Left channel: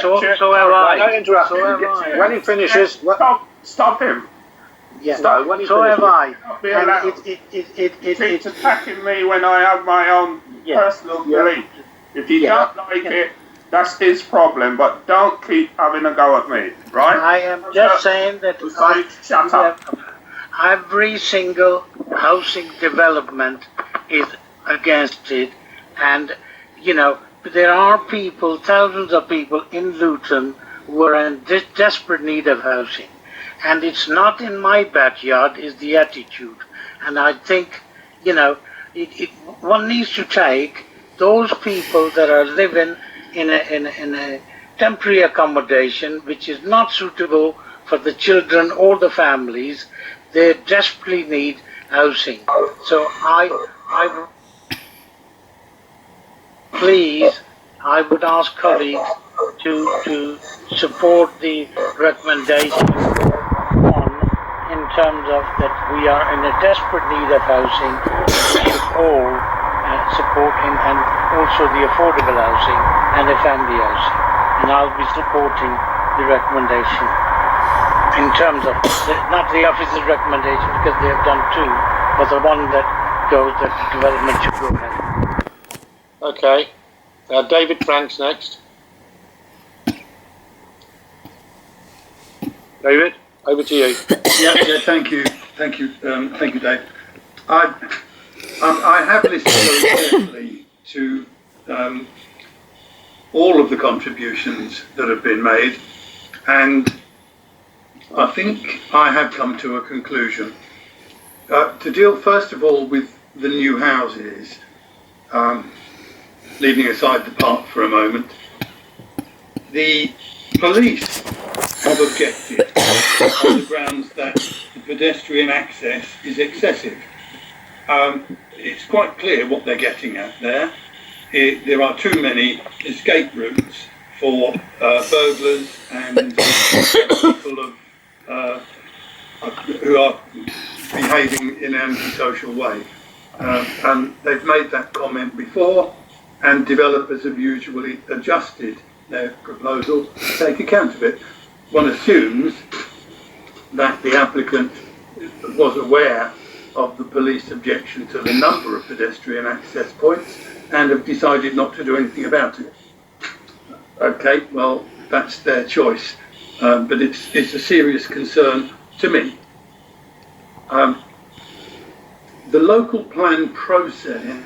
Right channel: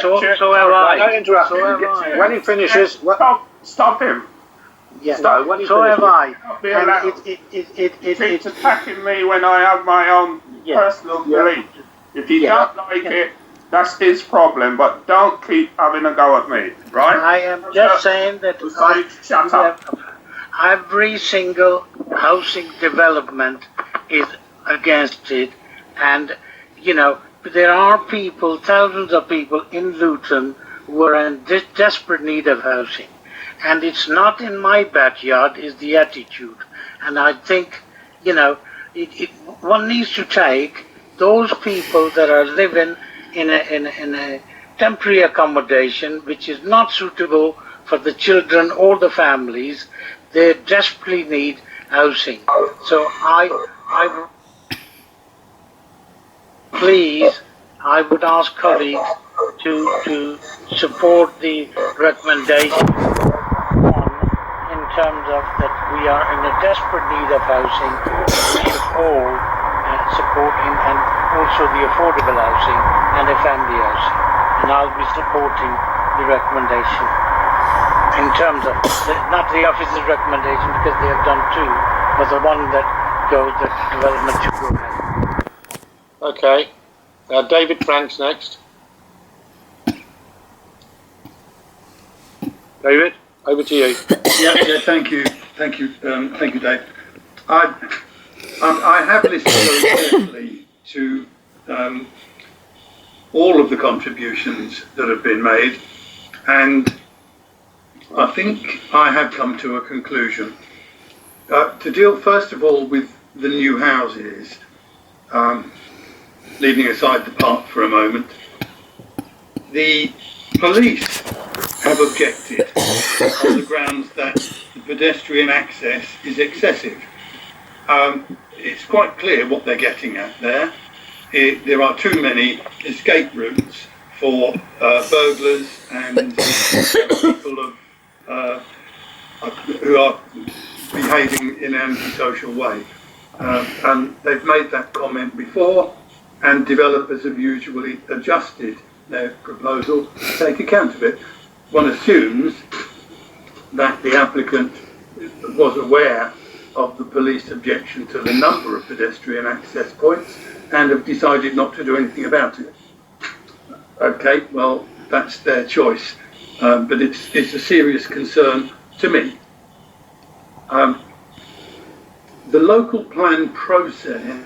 So have I. Don't interrupt. So have I. When he finishes, Stop him. Yeah. Stop. When he finishes, I. It's attacking me when I have my own personal belief. If you don't like it, that's his problem. But don't keep having a go at me, right? I am just saying that shut up. Every single housing development is against it, and you know there are people, thousands of people in Luton who are in desperate need of housing, and it's not in my backyard is the attitude. And I think one needs to take those people that are living in a temporary accommodation which is not suitable for the children or the families. They desperately need housing. So I would ask colleagues to support the recommendation in terms of that we are in a desperate need of housing. We should all supporting and also the affordable housing and the family housing. And I'll be supporting the recommendation in terms of, not the office's recommendation because they have done two, but the one that goes that the development should go ahead. Okay. David Frank's next. David, over to you. Yeah, thank you, Dave. I have listened very carefully to all of the contributions that have been made, and I think I have come to a conclusion. To deal first of all with the new houses, leaving aside the park for a moment, the police have objected on the grounds that the pedestrian access is excessive. It's quite clear what they're getting at there. There are too many escape routes for burglars and people who are behaving in an antisocial way. And they've made that comment before, and developers have usually adjusted their proposal to take account of it. One assumes that the applicant was aware of the police objection to the number of pedestrian access points and have decided not to do anything about it. Okay, well, that's their choice, but it's a serious concern to me. The local plan process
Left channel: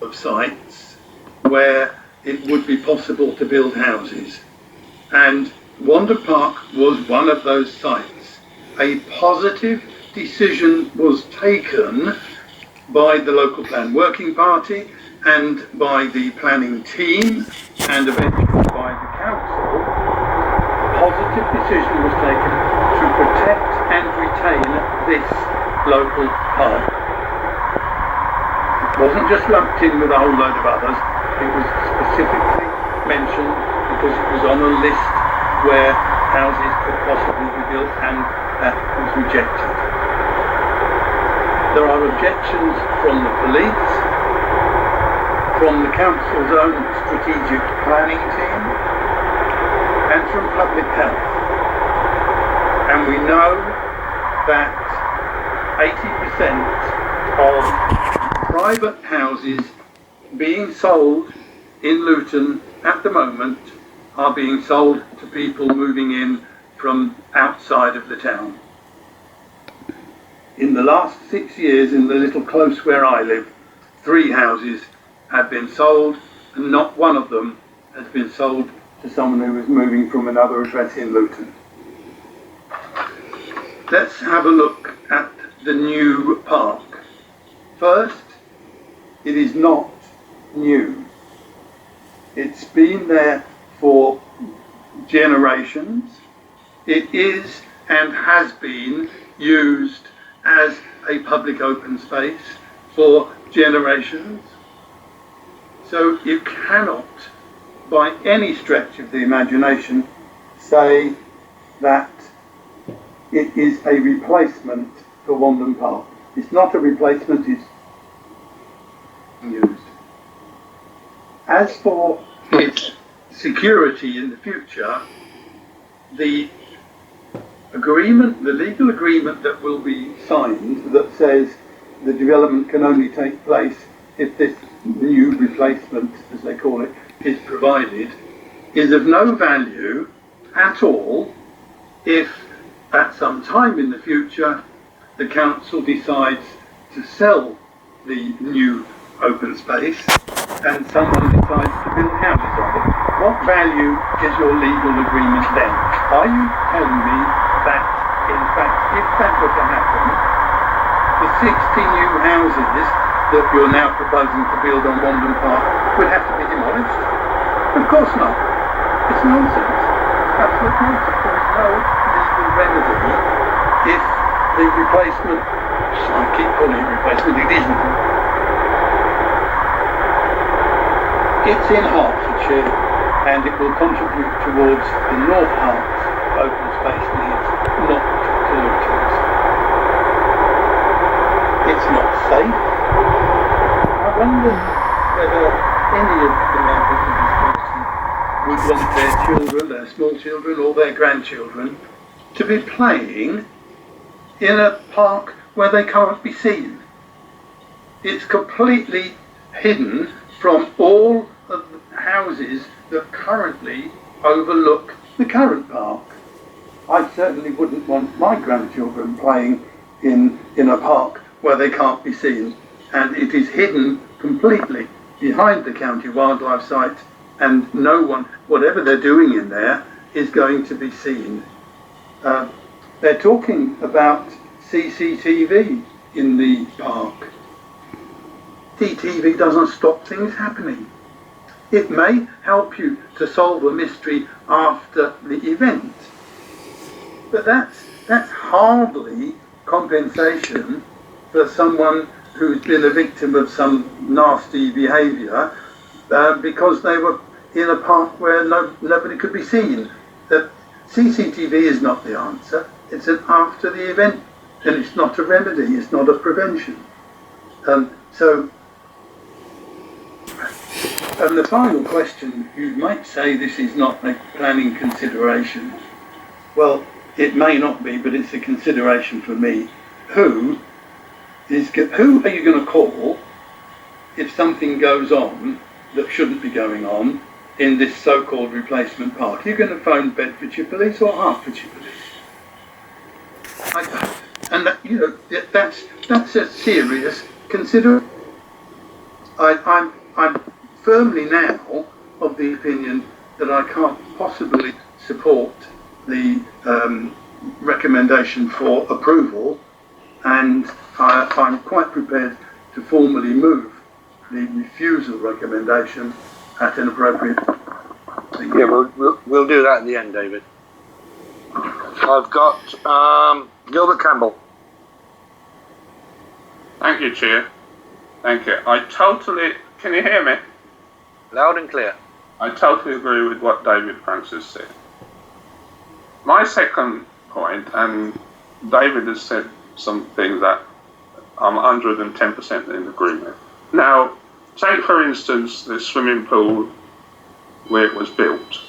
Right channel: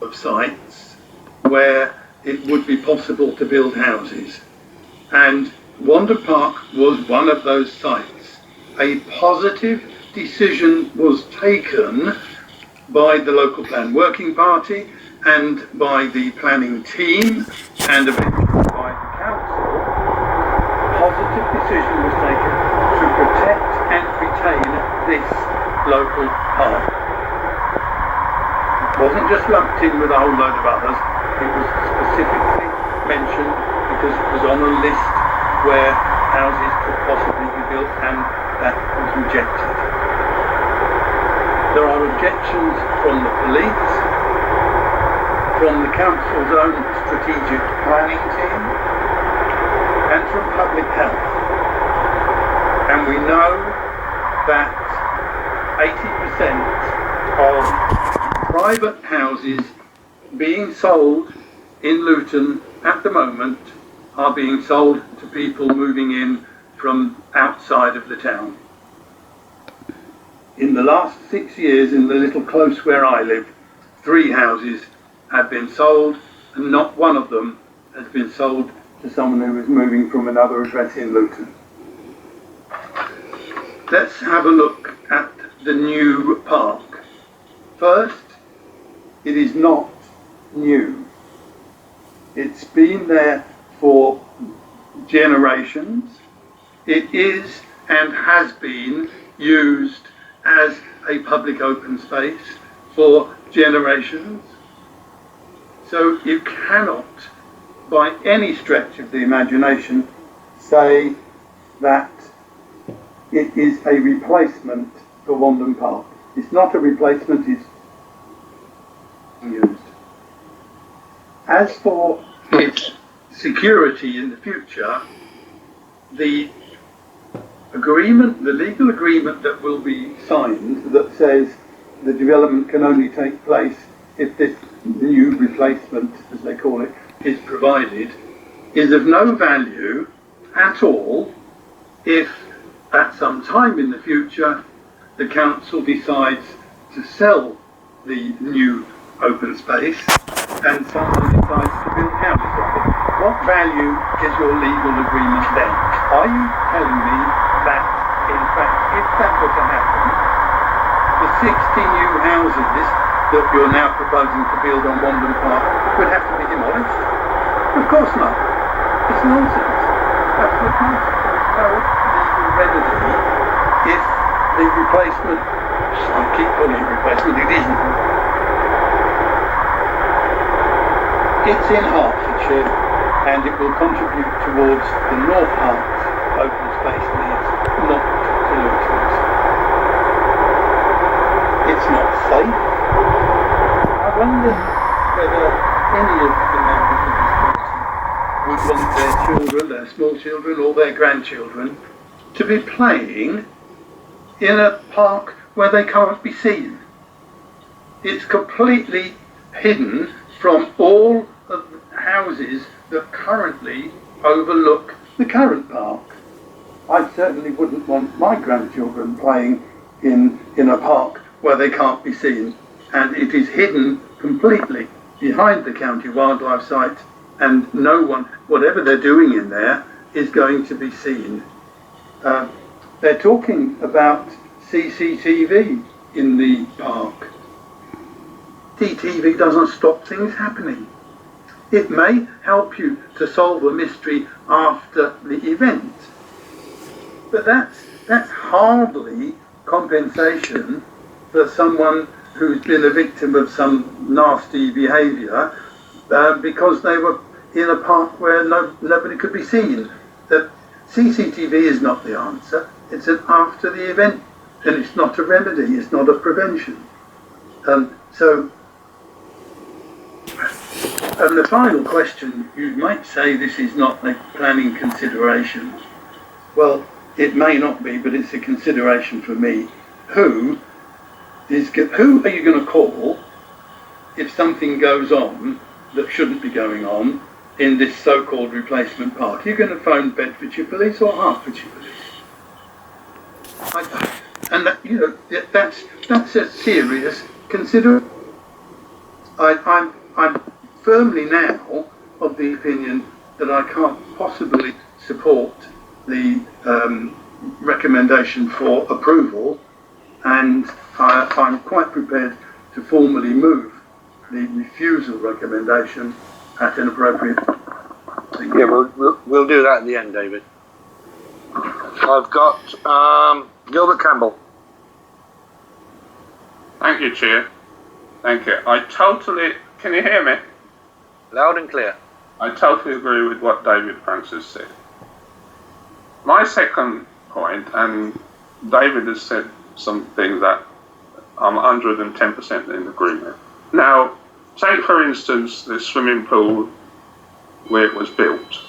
of sites where it would be possible to build houses, and Wandon Park was one of those sites. A positive decision was taken by the local plan working party and by the planning team and eventually by the council. A positive decision was taken to protect and retain this local park. It wasn't just lumped in with a whole load of others. It was specifically mentioned because it was on a list where houses could possibly be built, and that was rejected. There are objections from the police, from the council's own strategic planning team, and from public health. And we know that 80% of private houses being sold in Luton at the moment are being sold to people moving in from outside of the town. In the last 6 years, in the little close where I live, 3 houses have been sold, and not one of them has been sold to someone who is moving from another address in Luton. Let's have a look at the new park. First, it is not new. It's been there for generations. It is and has been used as a public open space for generations. So you cannot, by any stretch of the imagination, say that it is a replacement for Wandon Park. It's not a replacement, it's used. As for its security in the future, the agreement, the legal agreement that will be signed that says the development can only take place if this new replacement, as they call it, is provided, is of no value at all if at some time in the future the council decides to sell the new open space and someone decides to build houses on it. What value is your legal agreement then? Are you telling me that, in fact, if that were to happen, the 60 new houses that you're now proposing to build on Wandon Park would have to be demolished? Of course not. It's nonsense. Absolute nonsense. There is no legal remedy if the replacement, I keep calling it replacement, it isn't. It's in Hertfordshire and it will contribute towards the North Herts open space needs, not to Luton's. It's not safe. I wonder whether any of the members of this council would want their children, their small children or their grandchildren to be playing in a park where they can't be seen. It's completely hidden from all of the houses that currently overlook the current park. I certainly wouldn't want my grandchildren playing in a park where they can't be seen, and it is hidden completely behind the county wildlife site, and no one, whatever they're doing in there, is going to be seen. They're talking about CCTV in the park. CCTV doesn't stop things happening. It may help you to solve a mystery after the event, but that's hardly compensation for someone who's been a victim of some nasty behaviour because they were in a park where nobody could be seen. CCTV is not the answer. It's an after the event, and it's not a remedy. It's not a prevention. And the final question, you might say this is not a planning consideration. Well, it may not be, but it's a consideration for me. Who are you going to call if something goes on that shouldn't be going on in this so-called replacement park? Are you going to phone Bedfordshire Police or Hertfordshire Police? And that's a serious consideration. I'm firmly now of the opinion that I can't possibly support the recommendation for approval, and I'm quite prepared to formally move the refusal recommendation at an appropriate time. Yeah, we'll do that at the end, David. I've got Gilbert Campbell. Thank you, Chair. Thank you. Can you hear me? Loud and clear. I totally agree with what David Francis said. My second point, and David has said some things that I'm 110% in agreement. Now, take for instance the swimming pool where it was built,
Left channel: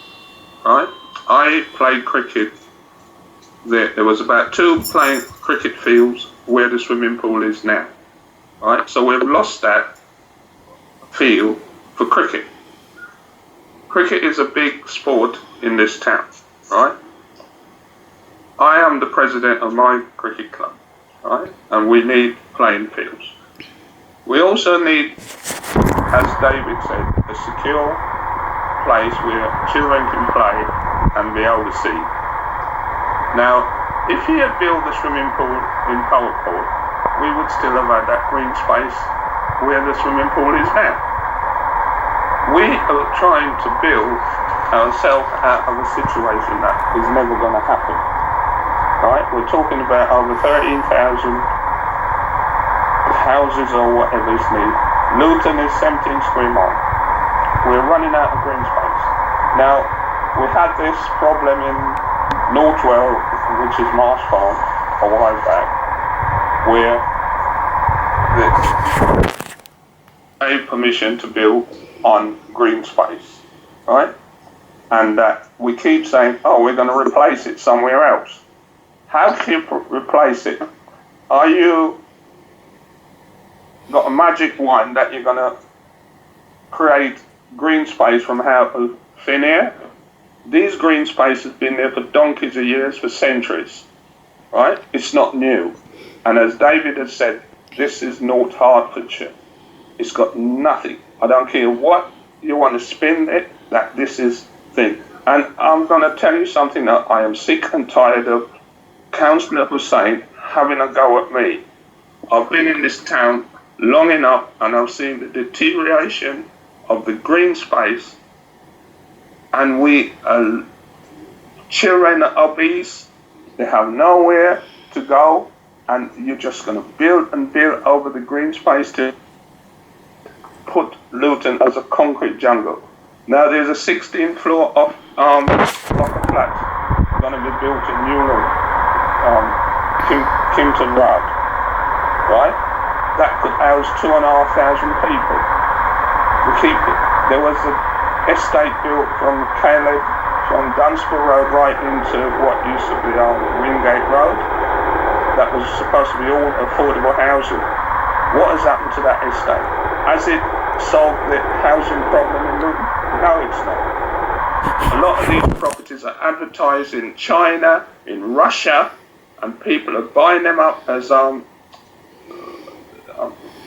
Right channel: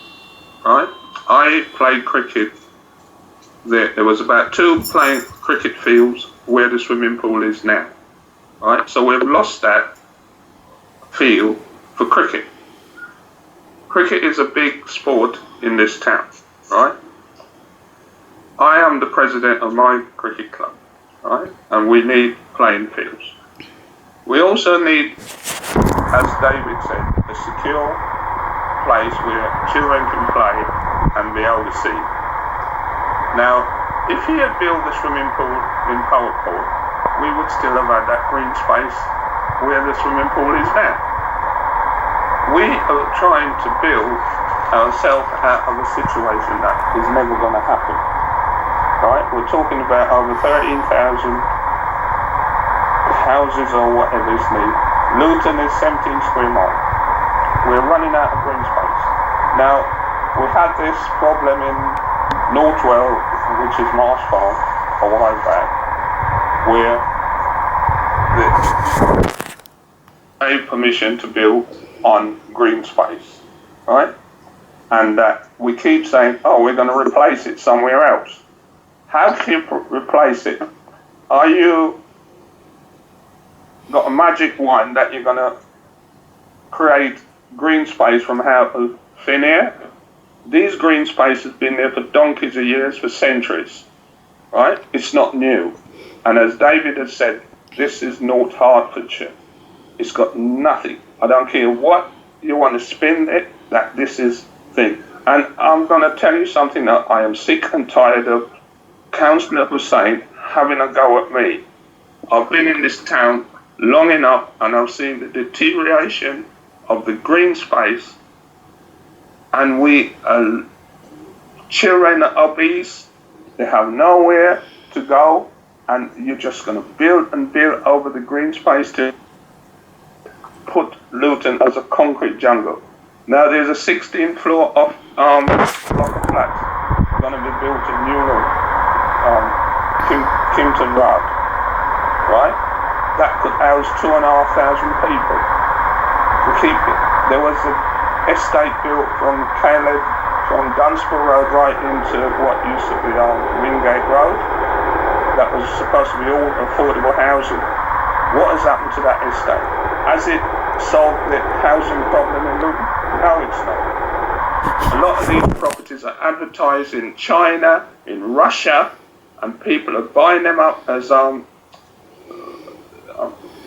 right? I played cricket. There was about 2 playing cricket fields where the swimming pool is now, right? So we've lost that field for cricket. Cricket is a big sport in this town, right? I am the president of my cricket club, right? And we need playing fields. We also need, as David said, a secure place where children can play and be able to see. Now, if he had built the swimming pool in Powerport, we would still have had that green space where the swimming pool is now. We are trying to build ourselves out of a situation that is never going to happen. Right? We're talking about over 13,000 houses or whatever is needed. Luton is 17 square miles. We're running out of green space. Now, we had this problem in Northwell, which is Marsh Farm, a while back, where they gave permission to build on green space, right? and that we keep saying, oh, we're going to replace it somewhere else. How can you replace it? Are you got a magic wand that you're going to create green space from thin air? These green space has been there for donkeys of years, for centuries, right? It's not new. And as David has said, this is North Hertfordshire. It's got nothing. I don't care what you want to spin it, that this is thing. And I'm going to tell you something that I am sick and tired of Councillor Hussain having a go at me. I've been in this town long enough and I've seen the deterioration of the green space, and children are obese, they have nowhere to go, and you're just going to build and build over the green space to put Luton as a concrete jungle. Now there's a 16th floor of block of flats going to be built in Newland, Kimpton Road, right? That could house 2,500 people. There was an estate built from Cllr, from Dunsborough Road right into what used to be on Wingate Road. That was supposed to be all affordable housing. What has happened to that estate? Has it solved the housing problem in Luton? No, it's not. A lot of these properties are advertised in China, in Russia, and people are buying them up as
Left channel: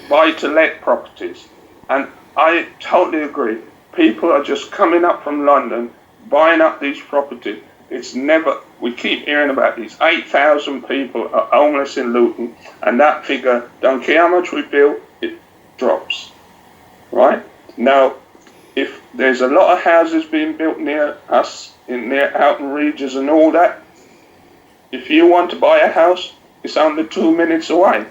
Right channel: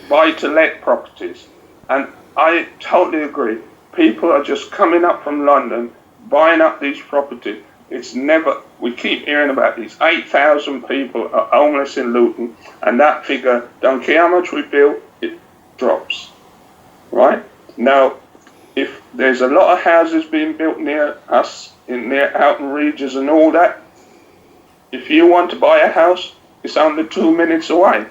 buy-to-let properties. And I totally agree. People are just coming up from London, buying up these properties. We keep hearing about these 8,000 people are homeless in Luton, and that figure, don't care how much we build, it drops, right? Now, if there's a lot of houses being built near us, in near Houghton Regis and all that, if you want to buy a house, it's only 2 minutes away.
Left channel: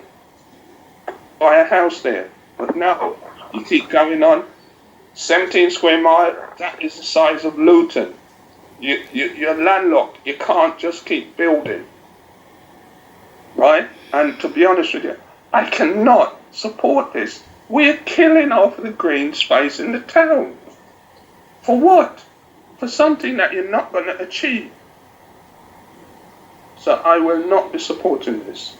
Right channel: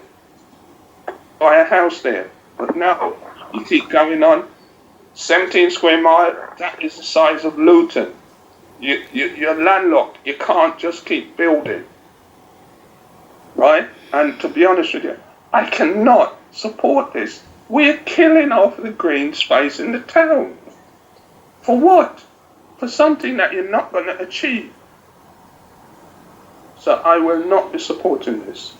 Buy a house there. But now, you keep going on, 17 square mile, that is the size of Luton. You're landlocked. You can't just keep building, right? And to be honest with you, I cannot support this. We're killing off the green space in the town. For what? For something that you're not going to achieve. So I will not be supporting this.